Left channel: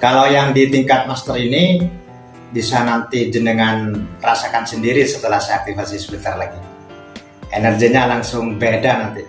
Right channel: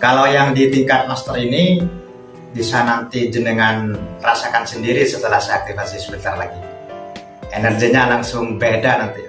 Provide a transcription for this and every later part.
Kalau yang di tingkat master ini bisa nanti jenengan rasakan sendiri setelah saya aktivasi sebentar lagi. Energinya langsung beda nanti.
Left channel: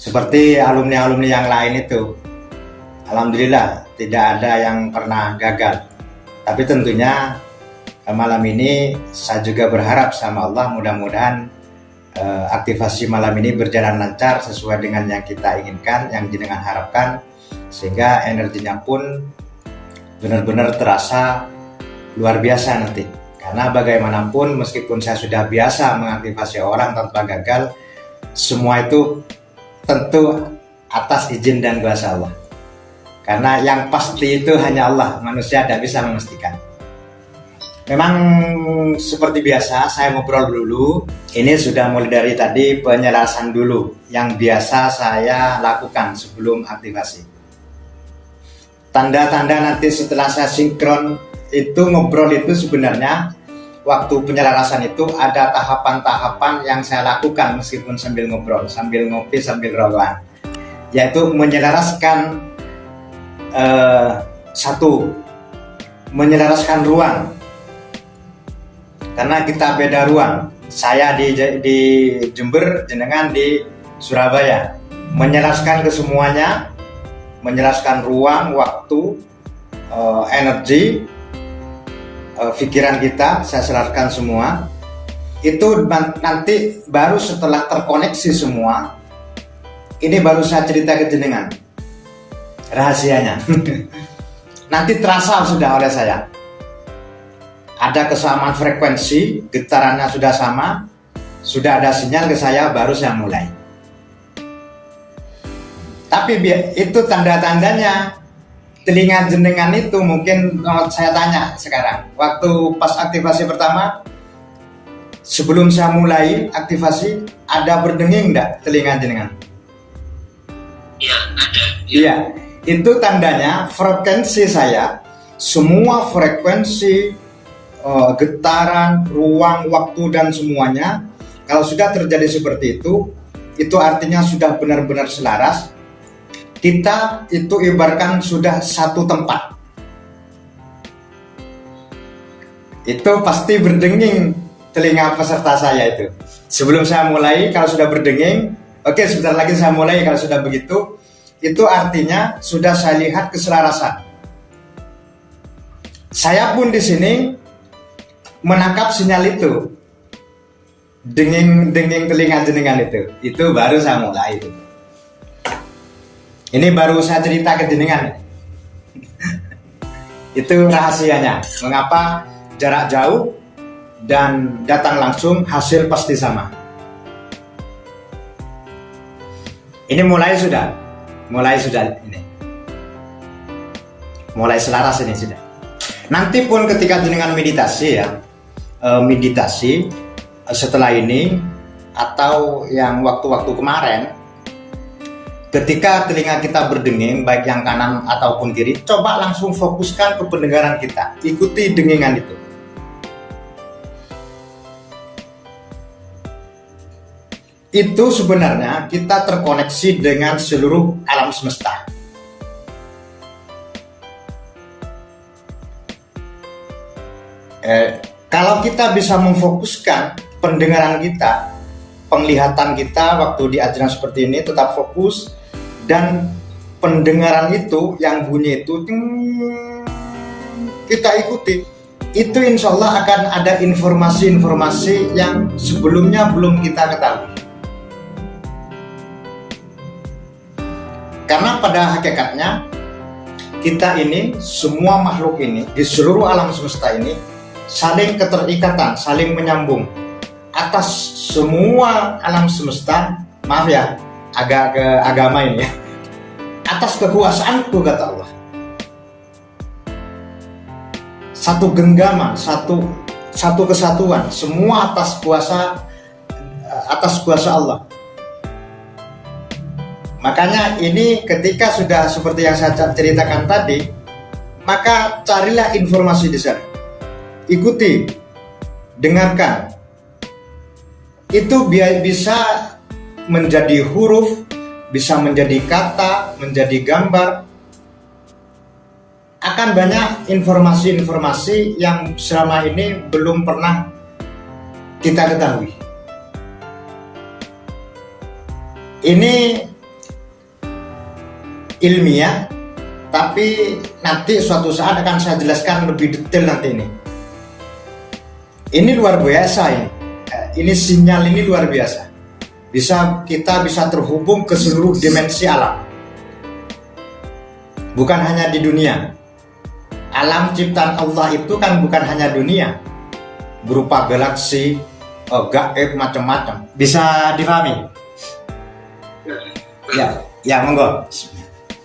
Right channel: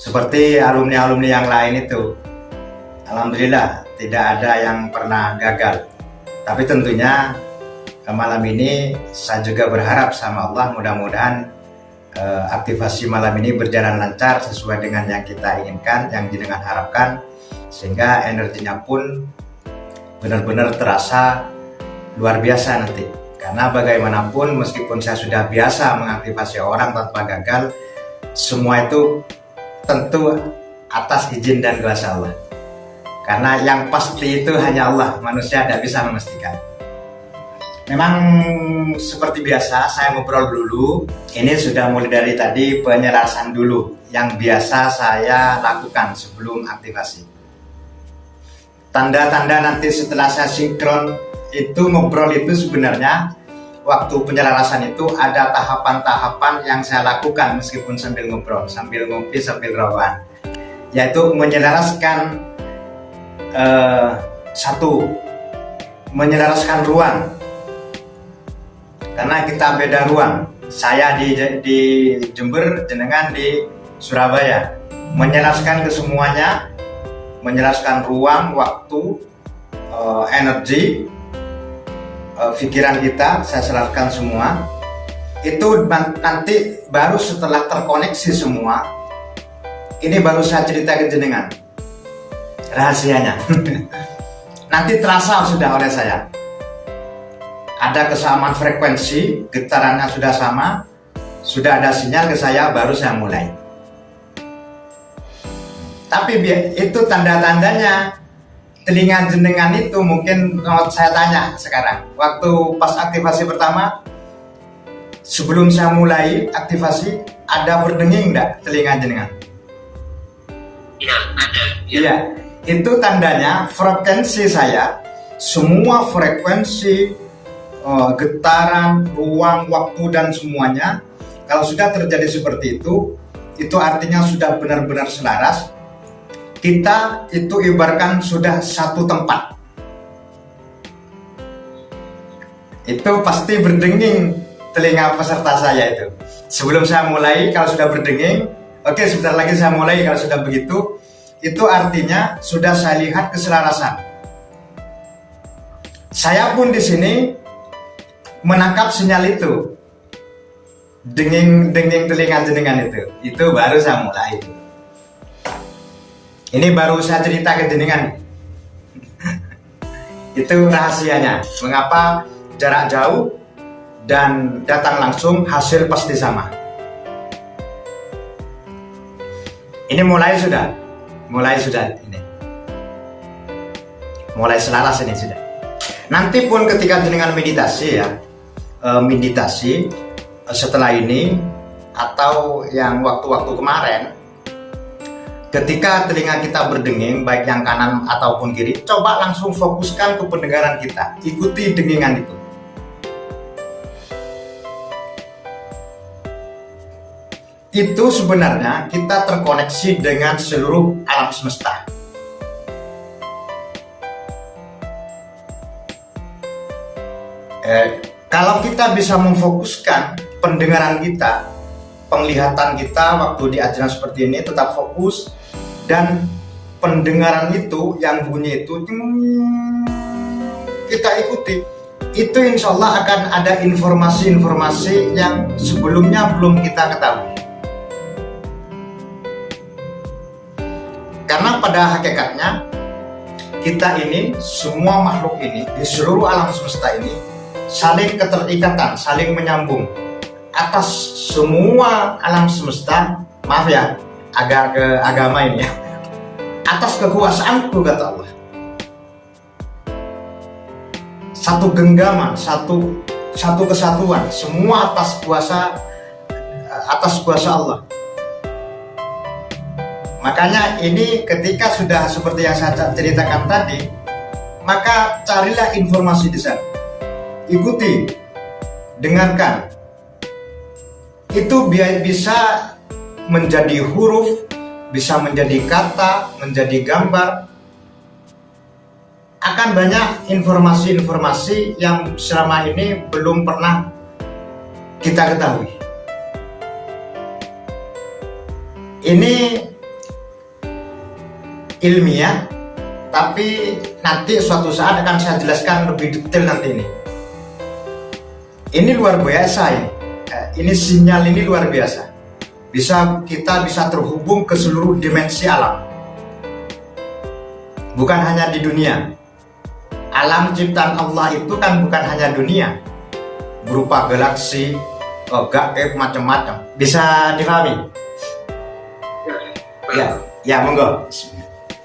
Seperti alumni-alumni yang lain itu. Alhamdulillah tidak ada yang pernah gagal. Tapi tentunya malam ini saya juga berharap sama Allah mudah-mudahan aktivasi malam ini berjalan lancar sesuai dengan yang kita inginkan, yang jenengan harapkan, sehingga energinya pun benar-benar terasa luar biasa nanti. Karena bagaimanapun meskipun saya sudah biasa mengaktifasi orang tanpa gagal, semua itu tentu atas izin dan kuasa Allah. Karena yang pasti itu hanya Allah, manusia tidak bisa memastikan. Memang seperti biasa saya ngobrol dulu. Ini sudah mulai dari tadi penyelarasan dulu yang biasa saya lakukan sebelum aktivasi. Tanda-tanda nanti setelah saya sinkron itu ngobrol itu sebenarnya waktu penyelarasan itu ada tahapan-tahapan yang saya lakukan meskipun sambil ngobrol, sambil ngopi, sambil rawan, yaitu menyelaraskan menyelaraskan ruang, karena kita beda ruang. Saya di Jember, jenengan di Surabaya. Menyelaraskan ke semuanya, menjelaskan ruang, waktu, energi, pikiran kita, saya selaraskan semua. Itu nanti baru setelah terkoneksi semua, ini baru saya cerita ke jenengan rahasianya. Nanti terasa sudah oleh saya. Ada kesamaan frekuensi, getarannya sudah sama, sudah ada sinyal ke saya, baru saya mulai. Tapi itu tanda-tandanya. Telinga jenengan itu mungkin saya tanya sekarang. Waktu pas aktivasi pertama, sebelum saya mulai aktivasi, ada berdenging enggak telinga jenengan? Iya, ada. Iya, itu tandanya frekuensi saya, semua frekuensi, getaran, ruang, waktu dan semuanya, kalau sudah terjadi seperti itu artinya sudah benar-benar selaras. Kita itu ibaratkan sudah satu tempat. Itu pasti berdenging telinga peserta saya itu. Sebelum saya mulai, kalau sudah berdenging, oke, sebentar lagi saya mulai. Kalau sudah begitu, itu artinya sudah saya lihat keselarasan. Saya pun di sini menangkap sinyal itu, denging telinga jenengan itu baru saya mulai. Ini baru saya cerita ke jenengan. Itu rahasianya. Mengapa jarak jauh dan datang langsung hasil pasti sama. Ini mulai sudah ini. Mulai selaras ini sudah. Nanti pun ketika jenengan meditasi ya, meditasi setelah ini atau yang waktu-waktu kemarin, ketika telinga kita berdenging, baik yang kanan ataupun kiri, coba langsung fokuskan ke pendengaran kita. Ikuti dengingan itu. Itu sebenarnya kita terkoneksi dengan seluruh alam semesta. Kalau kita bisa memfokuskan pendengaran kita, penglihatan kita waktu di ajaran seperti ini tetap fokus, dan pendengaran itu yang bunyi itu kita ikuti, itu insya Allah akan ada informasi-informasi yang sebelumnya belum kita ketahui. Karena pada hakikatnya kita ini, semua makhluk ini di seluruh alam semesta ini saling keterikatan, saling menyambung. Atas semua alam semesta, maaf ya, agak ke agama ini ya, atas kekuasaanku, kata Allah. Satu genggaman, satu kesatuan, semua atas kuasa Allah. Makanya ini ketika sudah seperti yang saya ceritakan tadi, maka carilah informasi di sana. Ikuti, dengarkan. Itu bisa menjadi huruf, bisa menjadi kata, menjadi gambar. akan banyak informasi-informasi yang selama ini belum pernah kita ketahui. Ini ilmiah, tapi nanti suatu saat akan saya jelaskan lebih detail nanti ini. Ini luar biasa ini. Ini sinyal ini luar biasa. Kita bisa terhubung ke seluruh dimensi alam. Bukan hanya di dunia. Alam ciptaan Allah itu kan bukan hanya dunia. Berupa galaksi, gaib macam-macam. Bisa dipahami? Ya, monggo.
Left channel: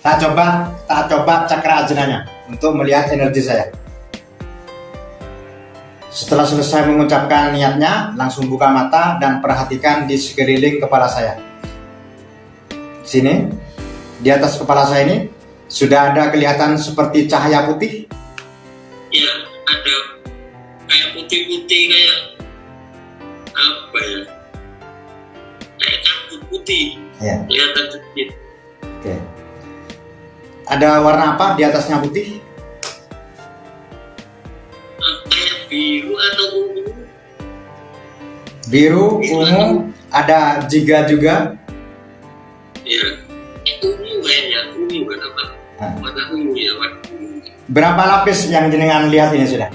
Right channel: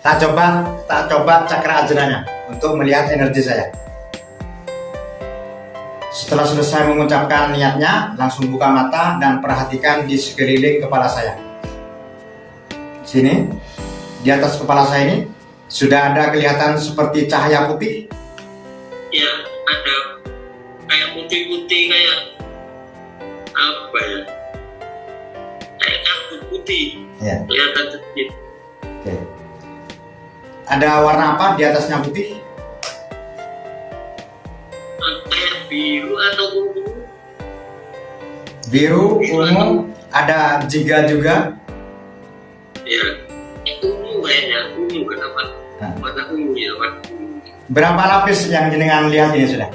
Tak coba cakra ajenanya untuk melihat energi saya. Setelah selesai mengucapkan niatnya, langsung buka mata dan perhatikan di sekeliling kepala saya. Sini, di atas kepala saya ini sudah ada kelihatan seperti cahaya putih. Ya, ada kayak putih-putih, kayak apa ya? Kayak kartu putih. Ya. Kelihatan sedikit. Oke. Ada warna apa di atasnya putih? Kayak biru atau ungu? Biru, ungu, ada jingga juga. Ya, ungu kayaknya, ungu kenapa? Warna ungu ya, warna ungu. Berapa lapis yang jenengan lihat ini sudah?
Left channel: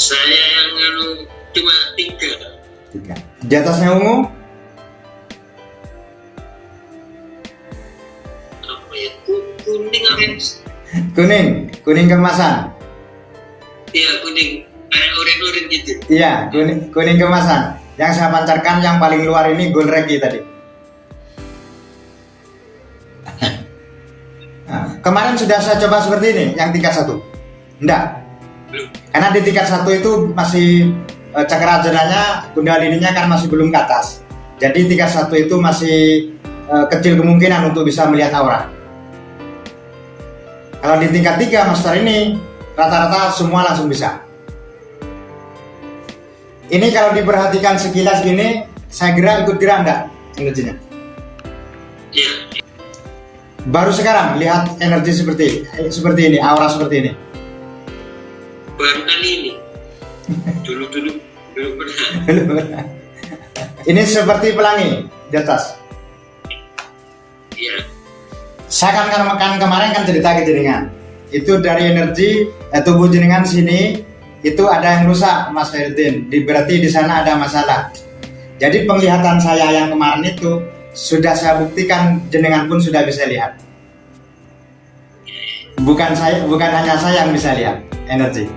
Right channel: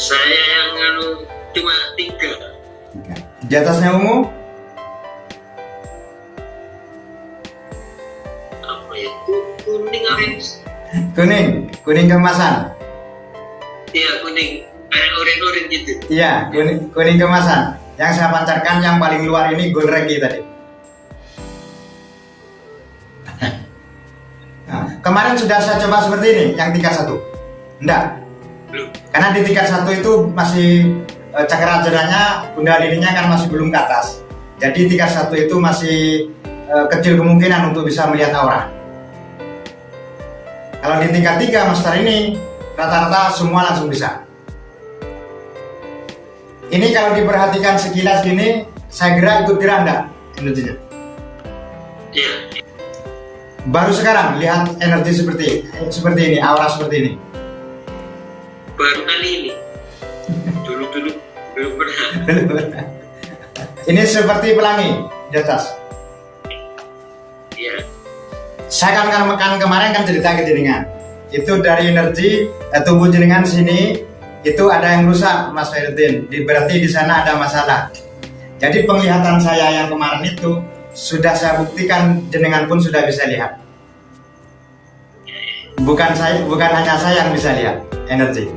Saya yang cuma 3. 3. Di atasnya ungu? Apa ya? Kuning orange. Kuning kemasan. Iya, kuning. Kayak orange gitu. Iya, kuning kemasan. Yang saya pancarkan yang paling luar ini gold reggae tadi. Nah, kemarin sudah saya coba seperti ini, yang tingkat 1. Enggak. Belum. Karena di tingkat 1 itu masih cakra ajenanya, kundalininya kan masih belum ke atas. Jadi tingkat 1 itu masih kecil kemungkinan untuk bisa melihat aura. Kalau di tingkat 3 master ini rata-rata semua langsung bisa. Ini kalau diperhatikan sekilas gini, saya kira ikut gerak enggak energinya? Iya. Baru sekarang lihat energi seperti ini, aura seperti ini. Baru kali ini. Dulu belum pernah. Ini seperti pelangi di atas. Iya. Saya kan kemarin kan cerita ke jenengan. Itu dari energi tubuh jenengan sini itu ada yang rusak, Mas Herdin. Berarti di sana ada masalah. Jadi penglihatan saya yang kemarin itu sudah saya buktikan, jenengan pun sudah bisa lihat. Bukan hanya saya yang bisa lihat energi.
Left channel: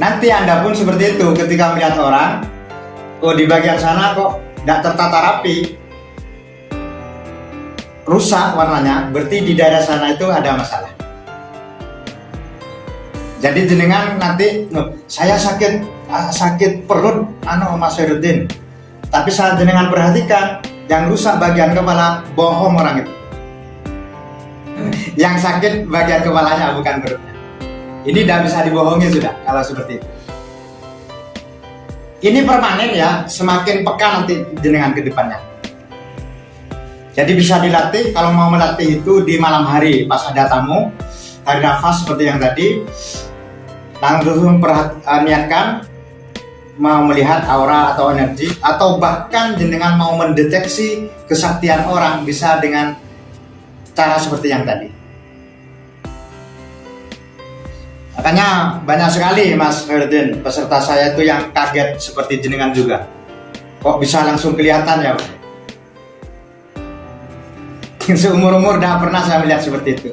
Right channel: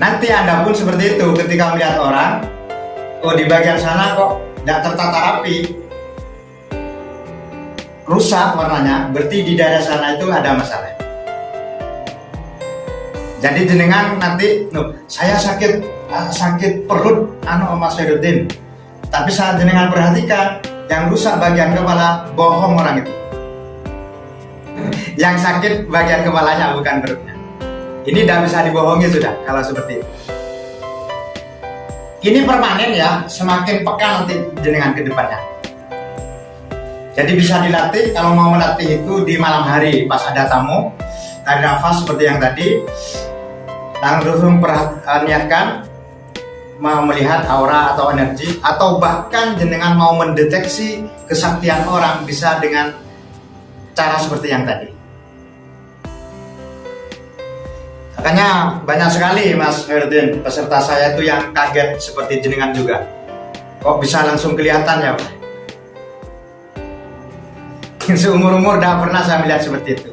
Nanti Anda pun seperti itu ketika melihat orang, oh di bagian sana kok tidak tertata rapi, rusak warnanya, berarti di daerah sana itu ada masalah. Jadi jenengan nanti, saya sakit perut, Mas Ferudin. Tapi saat jenengan perhatikan, yang rusak bagian kepala, bohong orang itu. Yang sakit bagian kepalanya, bukan perutnya. Ini tidak bisa dibohongi sudah, kalau seperti itu. Ini permanen ya, semakin peka nanti jenengan ke depannya. Jadi bisa dilatih, kalau mau melatih itu di malam hari, pas ada tamu, tarik nafas seperti yang tadi, langsung niatkan mau melihat aura atau energi, atau bahkan jenengan mau mendeteksi kesaktian orang bisa dengan cara seperti yang tadi. Makanya banyak sekali Mas Herdin peserta saya itu yang kaget seperti jenengan juga. Kok bisa langsung kelihatan ya Pak? Seumur-umur tidak pernah saya melihat seperti itu.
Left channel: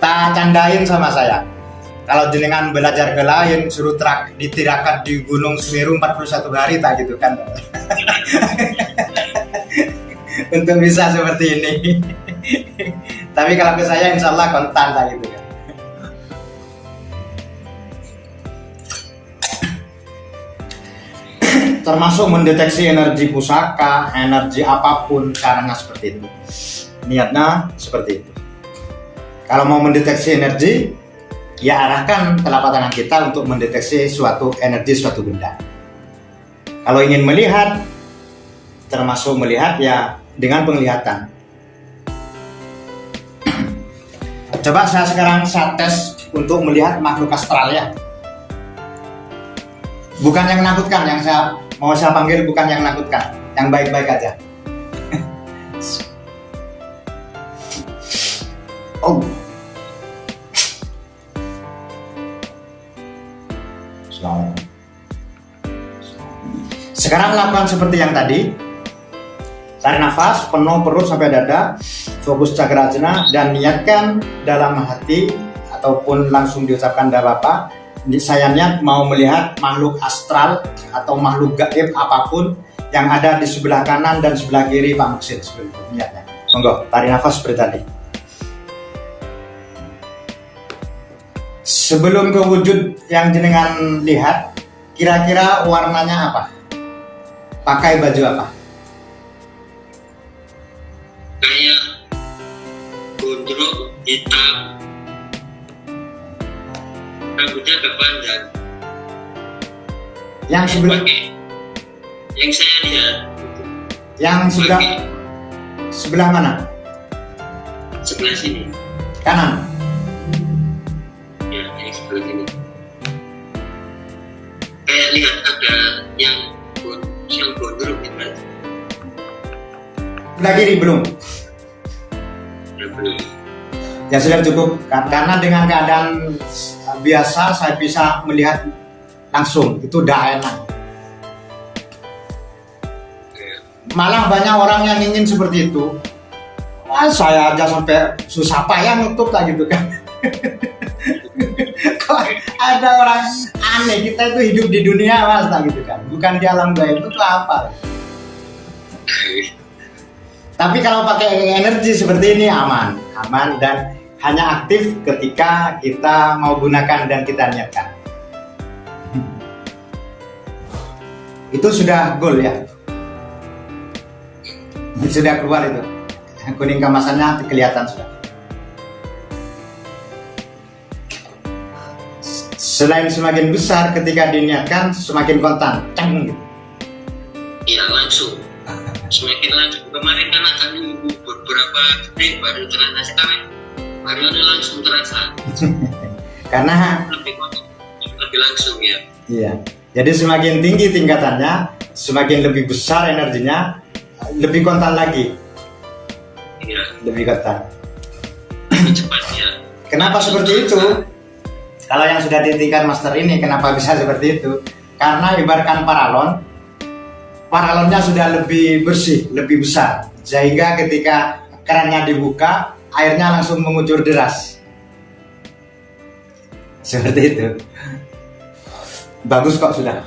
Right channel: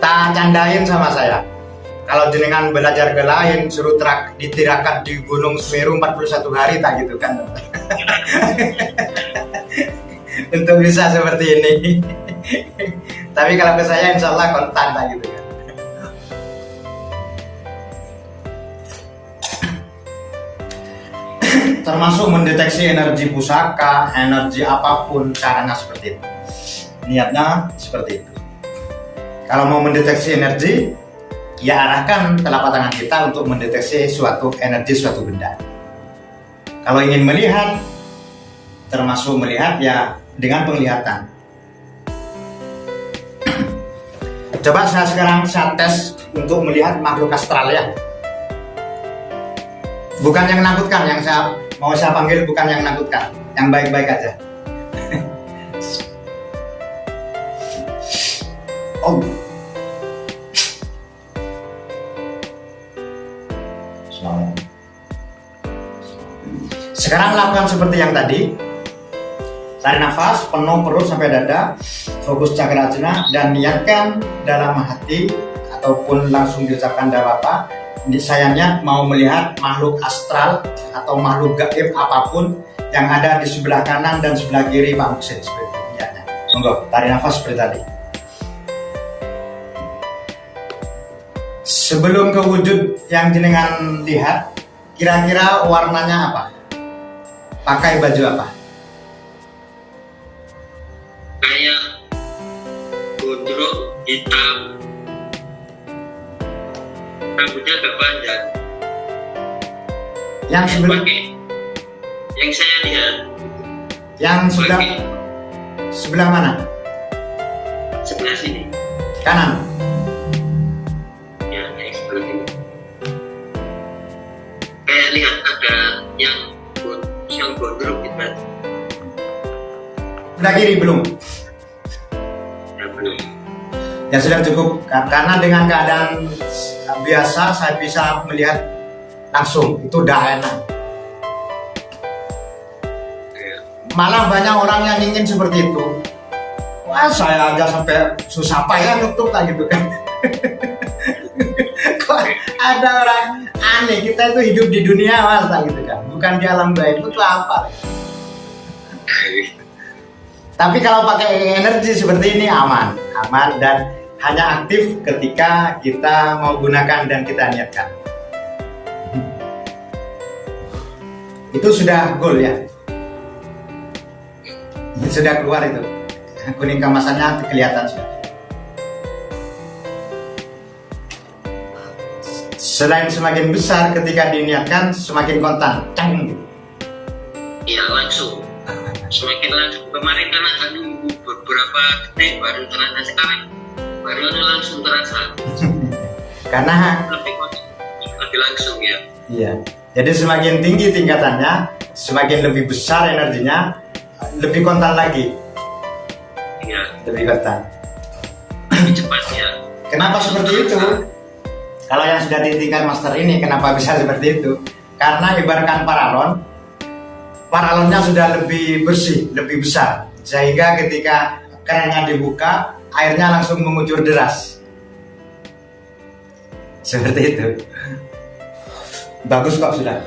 Tak candain sama saya. Kalau jenengan belajar ke lain, suruh ditirakat di Gunung Semeru 41 hari tak gitu kan. Untuk bisa seperti ini. Tapi kalau ke saya insya Allah kontan tak gitu kan. Termasuk mendeteksi energi pusaka, energi apapun, caranya seperti itu. Niatnya seperti itu. Kalau mau mendeteksi energi, ya arahkan telapak tangan kita untuk mendeteksi suatu energi, suatu benda. Kalau ingin melihat, termasuk melihat ya dengan penglihatan. Coba sekarang saya tes untuk melihat makhluk astral ya. Bukan yang menakutkan, yang saya panggil bukan yang menakutkan, yang baik-baik aja. Oh. Sekarang lakukan seperti yang tadi. Tarik nafas penuh perut sampai dada, fokus cakra ajna dan niatkan dalam hati ataupun langsung diucapkan tidak apa-apa. Saya niat mau melihat makhluk astral atau makhluk gaib apapun yang ada di sebelah kanan dan sebelah kiri Pak Muksin, seperti itu niatnya. Monggo, tarik nafas seperti tadi. Sebelum ke wujud yang jenengan lihat, kira-kira warnanya apa? Pakai baju apa? Kayak gondrong hitam, rambutnya agak panjang. Yang sebelah, yang saya lihat, yang sebelah mana? sebelah sini. Kanan. Ya, yang sebelah sini. Kayak lihat ada yang gondrong di baju. Sebelah kiri belum. Ya, belum. Ya sudah cukup, karena dengan keadaan biasa saya bisa melihat langsung, itu udah enak. Ya. Malah banyak orang yang ingin seperti itu. Wah, saya aja sampai susah payah nutup lah gitu kan. Kok ada orang aneh, kita itu hidup di dunia mas lah gitu kan, bukan di alam gaib, itu apa? Tapi kalau pakai energi seperti ini aman dan hanya aktif ketika kita mau gunakan dan kita niatkan. Itu sudah goal ya. Ini sudah keluar itu. Kuning kemasannya kelihatan sudah. Selain semakin besar ketika diniatkan, semakin kontan. Cang gitu. Iya, langsung. Semakin langsung. Kemarin kan ada beberapa detik baru terasa, sekarang baru langsung terasa. Karena lebih langsung ya. iya. Jadi semakin tinggi tingkatannya, semakin lebih besar energinya, lebih kontan lagi. Iya. Lebih kontan. Lebih cepat ya. Kenapa seperti itu? Kalau yang sudah ditingkat master ini, kenapa bisa seperti itu? Karena ibaratkan paralonnya sudah lebih bersih, lebih besar, sehingga ketika kerannya dibuka, airnya langsung mengucur deras. Seperti itu. Bagus kok sudah.